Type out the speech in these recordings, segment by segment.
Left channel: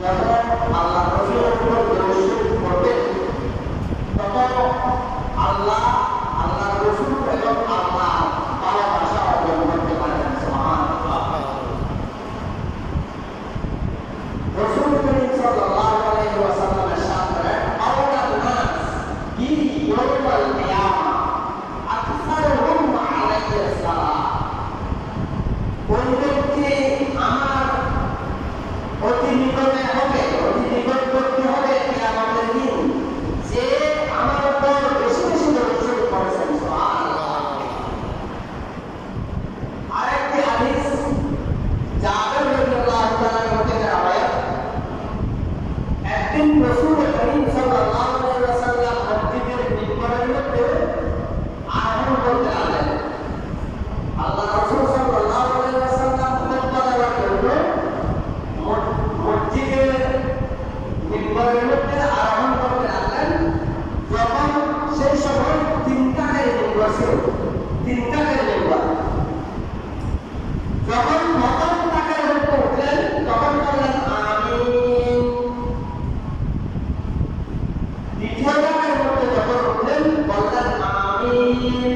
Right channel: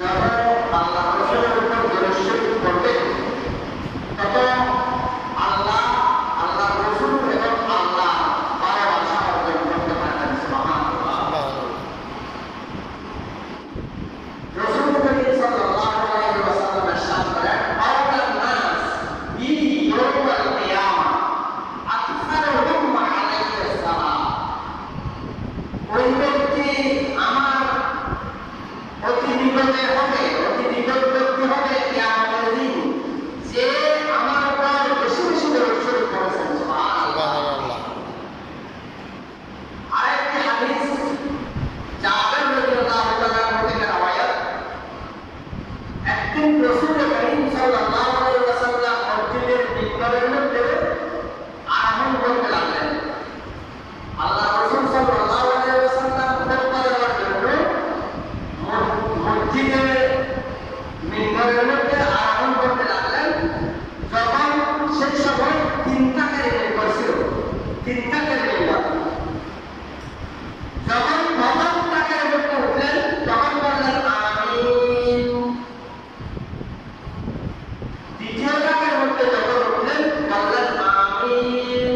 যত আল্লাহ রাসূলের উপর দরুদ শরীফ পড়বে তত আল্লাহ আল্লাহ রাসূল এবং আল্লাহ ভালোবাসা অর্জন করতে পারবেন। সুবহানাল্লাহ। রাসূল করিম সাল্লাল্লাহু আলাইহি ওয়াসাল্লাম ইরশাদ করেন, আওলান নাস বি ইয়াউমাল কিয়ামা আকসারুহুম আলাইহিস সালাম। ওই ব্যক্তি আমার অতি নিকটে হবে, অতি নিকটবর্তী হবে কিয়ামতের দিন, যে আমার উপর বেশি বেশি দরুদ শরীফ পড়েছেন। সুবহানাল্লাহ। আরেকটি হাদিস জাবের রাদিয়াল্লাহু তাআলা থেকে রওয়ায়াত, একদিন রাসূল করিম সাল্লাল্লাহু আলাইহি ওয়াসাল্লাম মসজিদের মিম্বরের মধ্যে আরোহণ করতে লাগলেন। আল্লাহ রাসূল সাল্লাল্লাহু আলাইহি ওয়াসাল্লাম খুতবা দেওয়ার জন্য মসজিদের মিম্বরের মধ্যে আরোহণ করতে লাগলেন। যখন সেই সময় তিনটা মিম্বর ছিল, তিনটা মিম্বর। যখন প্রথম তাকের মধ্যে উঠলেন তখন বললেন আমিন। দ্বিতীয় তাকের মধ্যে যখন উঠলেন বললেন আমিন।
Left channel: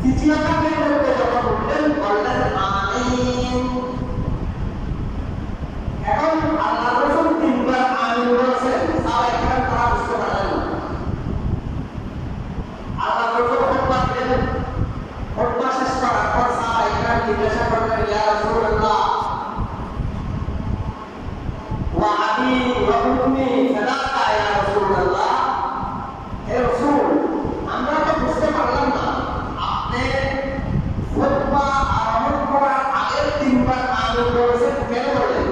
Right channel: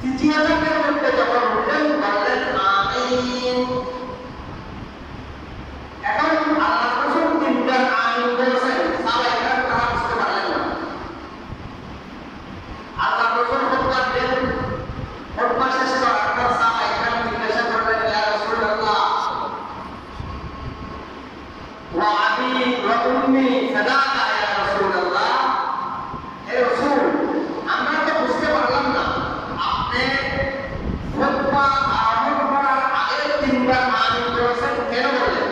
তৃতীয় তাকের মধ্যে যখন উঠলেন বললেন আমিন। এখন আল্লাহ রাসূল তিনবার আমিন বলেছেন, সাহাবায়ে কেরাম তারা বুঝতে পারলেন না। আল্লাহ রাসূল খুতবা দিলেন, খুতবা শেষ করার পর সাহাবায়ে কেরাম জিজ্ঞাসা করলেন, ইয়া রাসূলুল্লাহ ওয়া আবি ওয়া উম্মি ফাদাকা ইয়া রাসূলুল্লাহ। হে রাসূল, আমরা তো বুঝতে পারলাম না আপনি খুতবা আরম্ভ করার আগে তিনবার আমিন বলেছেন, কেন বললেন?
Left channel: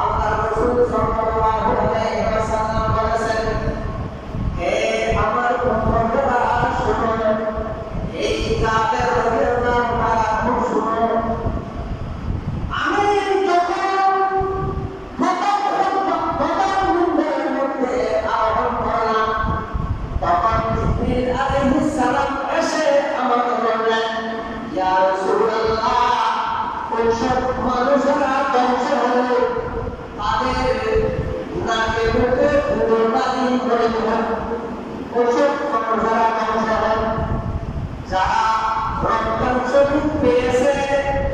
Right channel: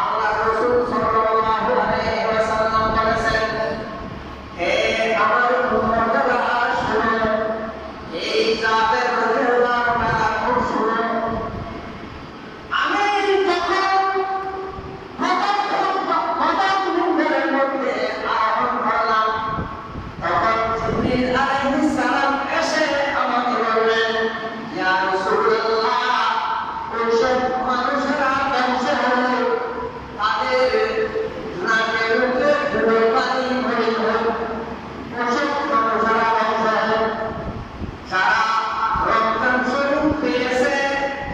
আল্লাহ রাসূল সাল্লাল্লাহু আলাইহি ওয়াসাল্লাম বলেছেন, হে আমার উম্মতরা শুনো, এই জাবের রাদিয়াল্লাহু তাআলা শুনো, আমি যখন প্রথম মিম্বরের মধ্যে আরোহণ করলাম তখন জিবরিল আলাইহিস সালাম এসে আমাকে বললেন, ইয়া রাসূলুল্লাহ, ওইসব মানুষেরা ধ্বংস হলো, তাদের নাকে মুখে ধুলো বালি ভরে গেল। ওইসব মানুষেরা ধ্বংস হলো যারা রমজান শরীফ পেয়েছে,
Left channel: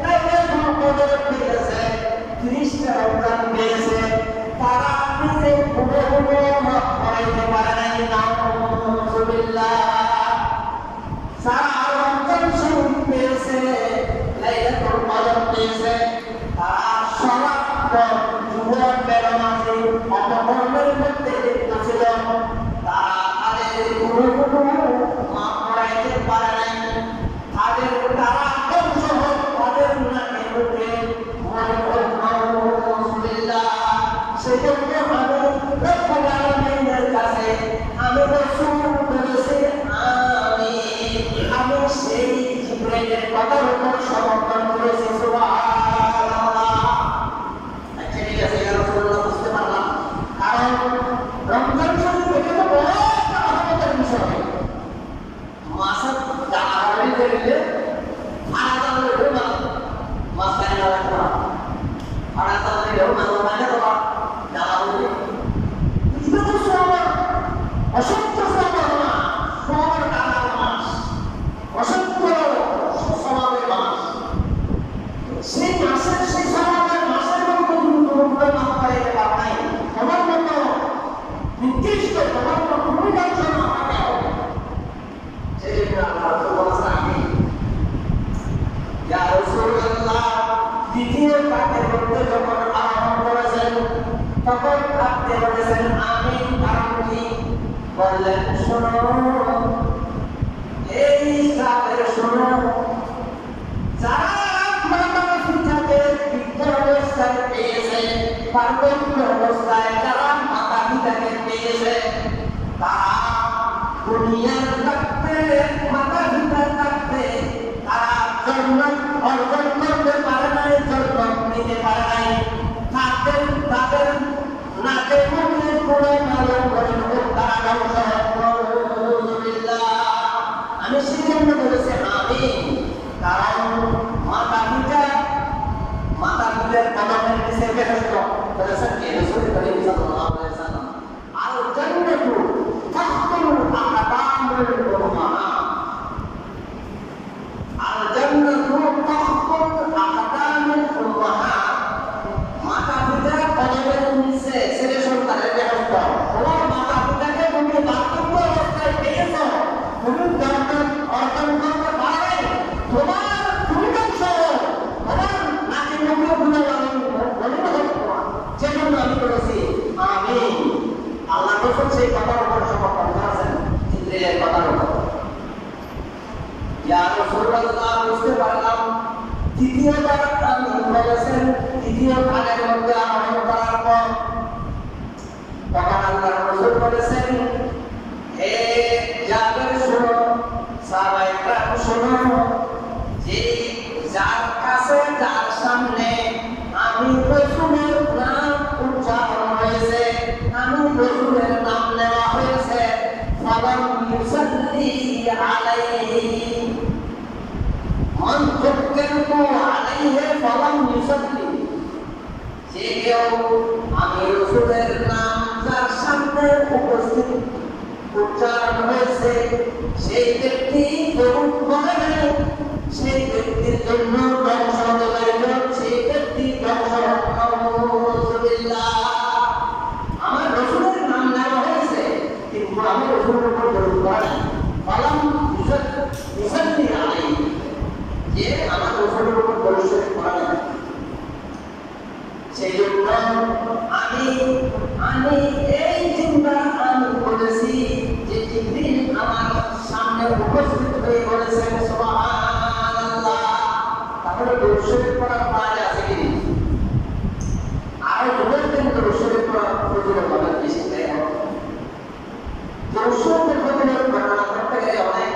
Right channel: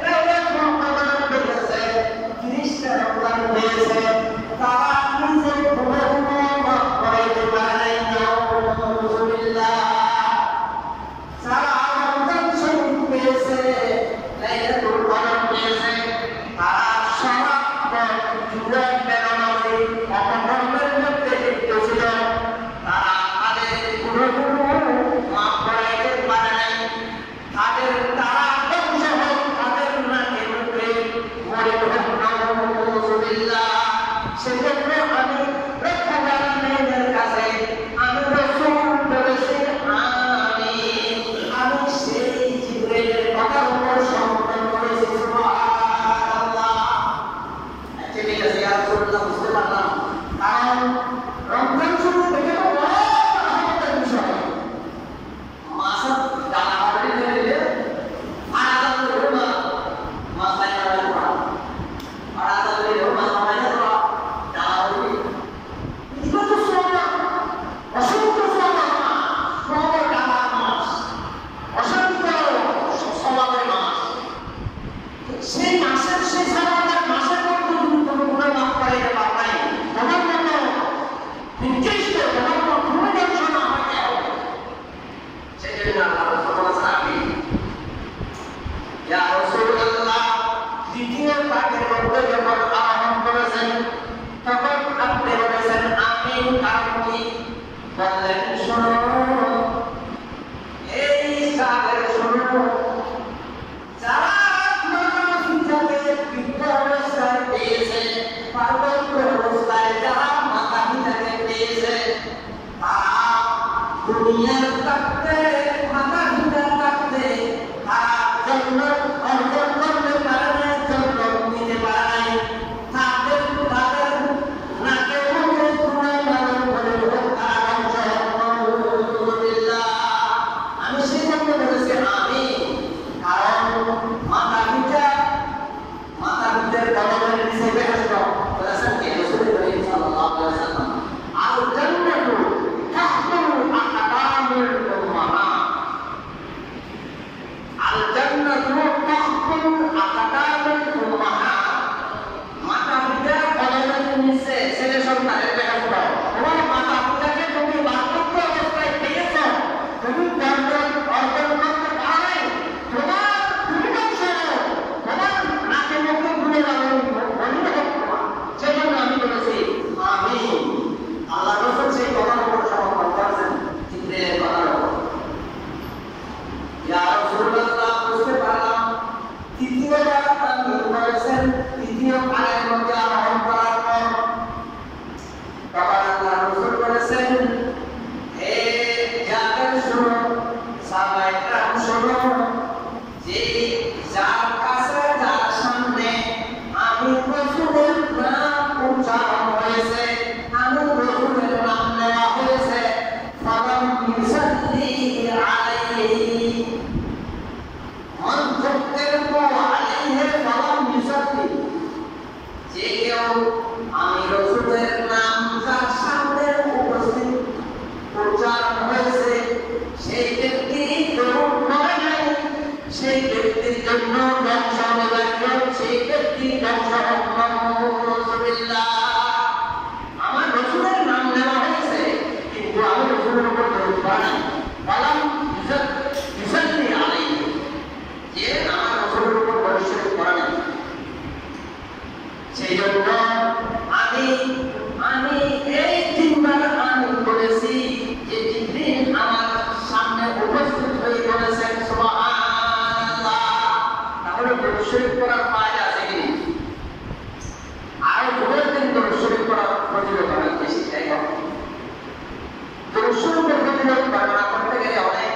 লাইলাতুল কদর পেয়েছে, 30টা রমজান পেয়েছে, তারা নিজে হুবহু মাফ করাইতে পারে নাই। নাউযুবিল্লাহ। যারা রমজান শরীফ পেয়েছে, লাইলাতুল কদর পেয়েছে, তারা সারাক্ষণ জুয়া বেড়ামাজি অপকর্মের মধ্যে লিপ্ত ছিল, তারা তাদের গুনাহগুলো মাফ করাইতে পারে নাই। তারা ধ্বংস হোক, তাদের নাকে মুখে মরে হোক। নাউযুবিল্লাহ। সেজন্য আমি রব্বুল আলামিনের কাছে আমি রাসূল বলেছি আমিন। আমি সেই জিবরাইলের কথার উপর সমর্থন করেছি। সুবহানাল্লাহ। আচ্ছা ঠিক আছে, ইয়া রাসূলুল্লাহ, বুঝতে পারলাম। কারণ রমজান শরীফ এটা তো বড় রহমতের বিষয়। মাসের জানাবাড়ি দিলে আরাদান হলো না, মাসাই না করা আরাদান দিলেও মাসা মানে করা জানাবাড়ি এটা তো সবার অসংখ্য সবার মাস, সবার টাকার মাস, অসংখ্য সমাবের মাস। সেই মাসের সেই সমাবের মাসের মধ্যে গুরুগুলো মাফ করাইতে পার নাই, তোমার মতো নির্দিষ্ট তোমার মতো কোনো দর্শন আমাকে হবে। সেই জন্য আল্লাহ রাসূল বলেছেন আমিন। ইয়া রাসূলুল্লাহ, দ্বিতীয় তাকের মধ্যে যখন আরোহণ করেছেন তখন আপনি বলেছেন আমিন। কারণ কি? বললেন, শোনো এই জাবের, শোনো, যারা মাথা পিতাকে বৃদ্ধ অবস্থায় পেয়েছে, পার্বত্য অবস্থায় যারা মাতা পিতাকে পেয়েছে, তারা দুনিয়ার থাকতে মাতা পিতা থাকতে তারা জান্নাত অর্জন করতে পারে নাই, জান্নাত নিতে পারে নাই। তাদের নাকে মুখে গুনাহ মালুম করে তারা ধ্বংস হয়। নাউযুবিল্লাহ। আমি সেজন্য বলেছি আমিন। কারণ মাতা পিতা জান্নাতীদের কদমের নিচে বেহেশত বলেছেন কি রাসূল করিম সাল্লাল্লাহু আলাইহি ওয়াসাল্লাম আল জান্নাতু তাহতুল আকদামুল উম্মাহাত আল জান্নাতু তাহতুল আকদামুল উম্মাহাত মাতা পিতার কদমের নিচে ছেলে সন্তানের বেহেশত তোমার মাতা পিতাকে তুমি বার্ধক্য অবস্থায় পেয়েছো তুমি জান্নাত অর্জন করতে পারবে তোমার আমি বলেছি আমি আল্লাহ রসুল সেই কথার উপর সমর্পণ করেছেন জিবরিলের কথার উপর ইয়া রাসূলুল্লাহ বুঝতে পারলাম দ্বিতীয়বার আমি বলেছেন দ্বিতীয় কানের মধ্যে আরোহণ করার পর তখন আল্লাহ রসুল বলেছেন হে জাবের শোনো সাহাবায়ে কেরাম শোনো যে যার কাছে যার সামনে আমি রাসূলের নাম উচ্চারণ হয়েছে আমি রাসূলের নাম নেওয়া হয়েছে ফালাম ইউসাল্লি আলাইহি মান যুক্কিরতু আলাইহি ফালাম ইউসাল্লি যে কেউ আমি রাসূলের নাম যার সামনে উপস্থিত উচ্চারণ হয়েছে সেই ব্যক্তি গ্রহণ করে নাই সেই ব্যক্তির জন্য ধ্বংস হবে সেই ব্যক্তি ধ্বংস আমার রসুলের নাম নেওয়া হয়েছে কিন্তু আমি রসুলের উপর দরুদ পড়ি বললাম ইউসাল্লি আলাইহি যে আমার রসুলের উপর দরুদ শরীফ পড়া নেই সেই জন্য আমি এই তিনবার আমি বলেছি যে জিবরিল আমার সামনে উপস্থিত হয়ে বলেছেন সুবহানাল্লাহ তাহলে দরুদ শরীফ পড়ার ফায়দা আছে কি না আরো দুবার দিন দরুদ শরীফ পড়ার ফজিলত অনেক বেশি তাই না দরুদ শরীফের ফজিলত বর্ণনা করতে গেলে অনেক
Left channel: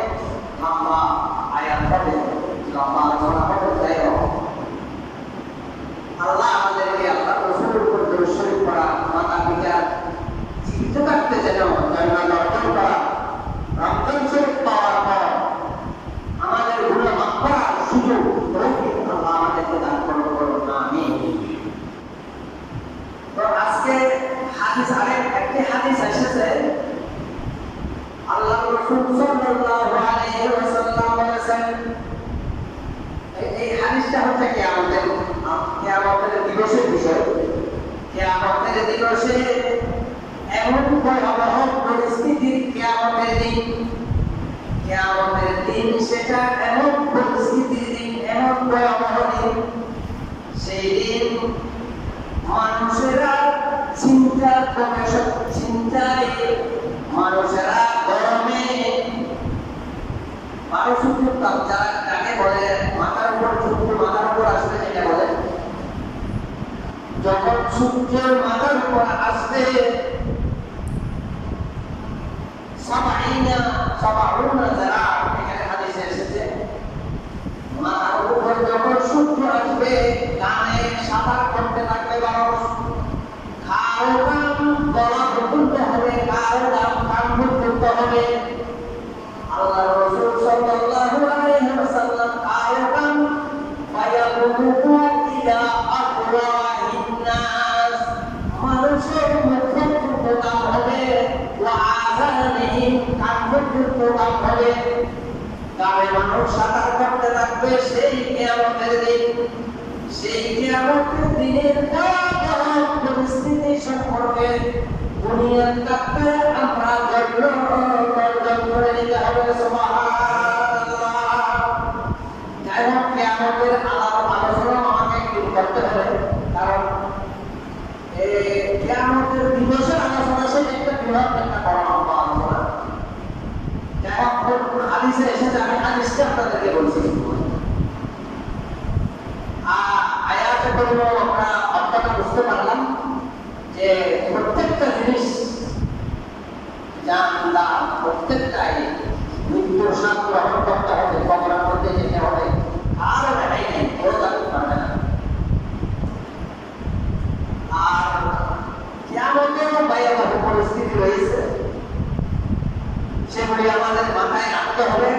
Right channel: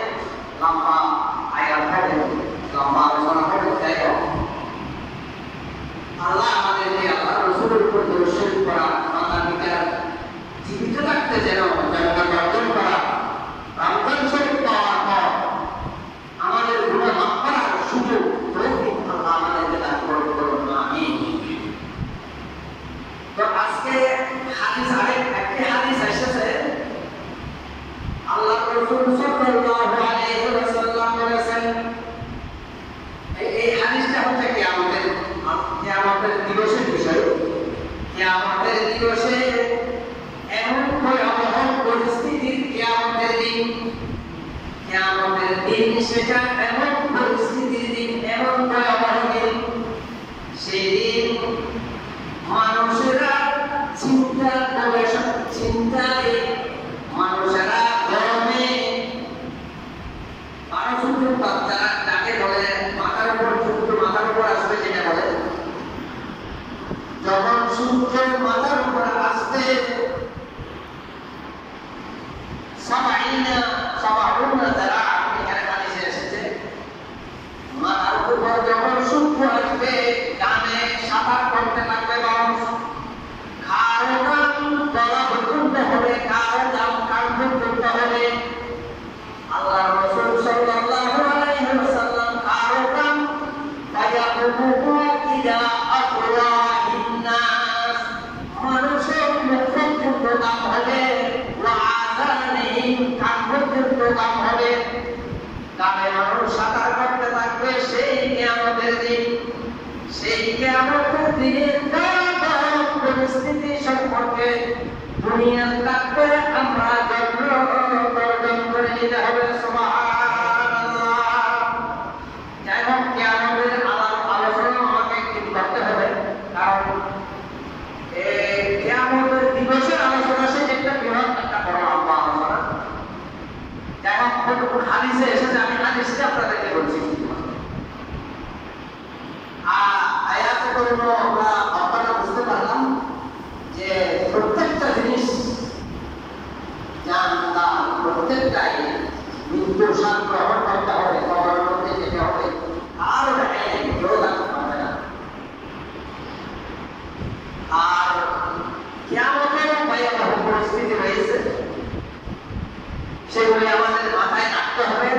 লম্বা আয়াত হবে লম্বা আলোচনা হবে তাই না আল্লাহ আমাদেরকে আল্লাহ রাসূলের উপর দরুদ শরীফ পড়া মাতা পিতার জীবিত থাকতে যেন জান্নাত অর্জন করা রমজান শরীফ পাওয়ার পর আমাদের গুনাহ মাফ করার সুযোগ তৌফিক আল্লাহ আমাদেরকে দান করুন আমিন তো আজকে হাদিস একটি হাদিস এসেছে আল্লাহ রাসূল সাল্লাল্লাহু আলাইহি ওয়াসাল্লাম বলেছেন এই হাদিসটা হচ্ছে কিয়ামতের দিবসের বিষয় কিয়ামতের দিবসে এমন ভয়াবহ পরিস্থিতির কিয়ামতের দিন সেটা এমন পরিস্থিতির দিন এমন ভয়াবহ দিন সেই দিন মানুষেরা চিন্তায় মানুষেরা গরমে পারসূর্যের তাপ যাকে বলে মাথার উপর আসবে যেটা বলে যখন সূর্যের মাথার উপর আসবে সাবাউনা যারা এখানে হাদিসে এসেছে মাথার উপর যখন সূর্য আসবে ডানে সাঁতার করতে থাকবে মানুষ কারো কান গলা পর্যন্ত হবে কারো কান পর্যন্ত হবে আল্লাহ রাসূল সাল্লাল্লাহু আলাইহি ওয়াসাল্লাম কারো কান ফায়াকুতু ইলা আফওয়াহিন নাস মানুষের মুখ পর্যন্ত কান হবে ওয়া আযানিহিম কান পর্যন্ত কান হবে তবে মানুষ সাঁতার করতে থাকবে সেই কিয়ামতের দিন সেই কিয়ামতের দিনের পরিস্থিতি সম্পর্কে দুনিয়ার কাছে আমরা গর্জন করে নিতে হবে সুবহানাল্লাহ যাই হোক কিয়ামতের আলোচনা আমাকে একটু করতে হবে কারণ কিয়ামতের দিবসের আলোচনা সে একটা বৃহৎ একটা বড় আলোচনা যাই হোক হাদিসে এসেছে আমি হাদিসটা আপনাদেরকে বলছি আয়াতে করে আমরা আপনারা বুঝতে পারলাম যে প্রত্যেকটা জিনিস জানলাম প্রত্যেকটাই মৃত্যুর স্বাদ গ্রহণ করতে হবে কবরের মধ্যে যেতে হবে আরো দেখাই নেই কেউ জানতে পারবে না আর কিয়ামতের ভয়াবহ পরিস্থিতি রয়েছে সেগুলি আমাদের মাথায় রাখতে হবে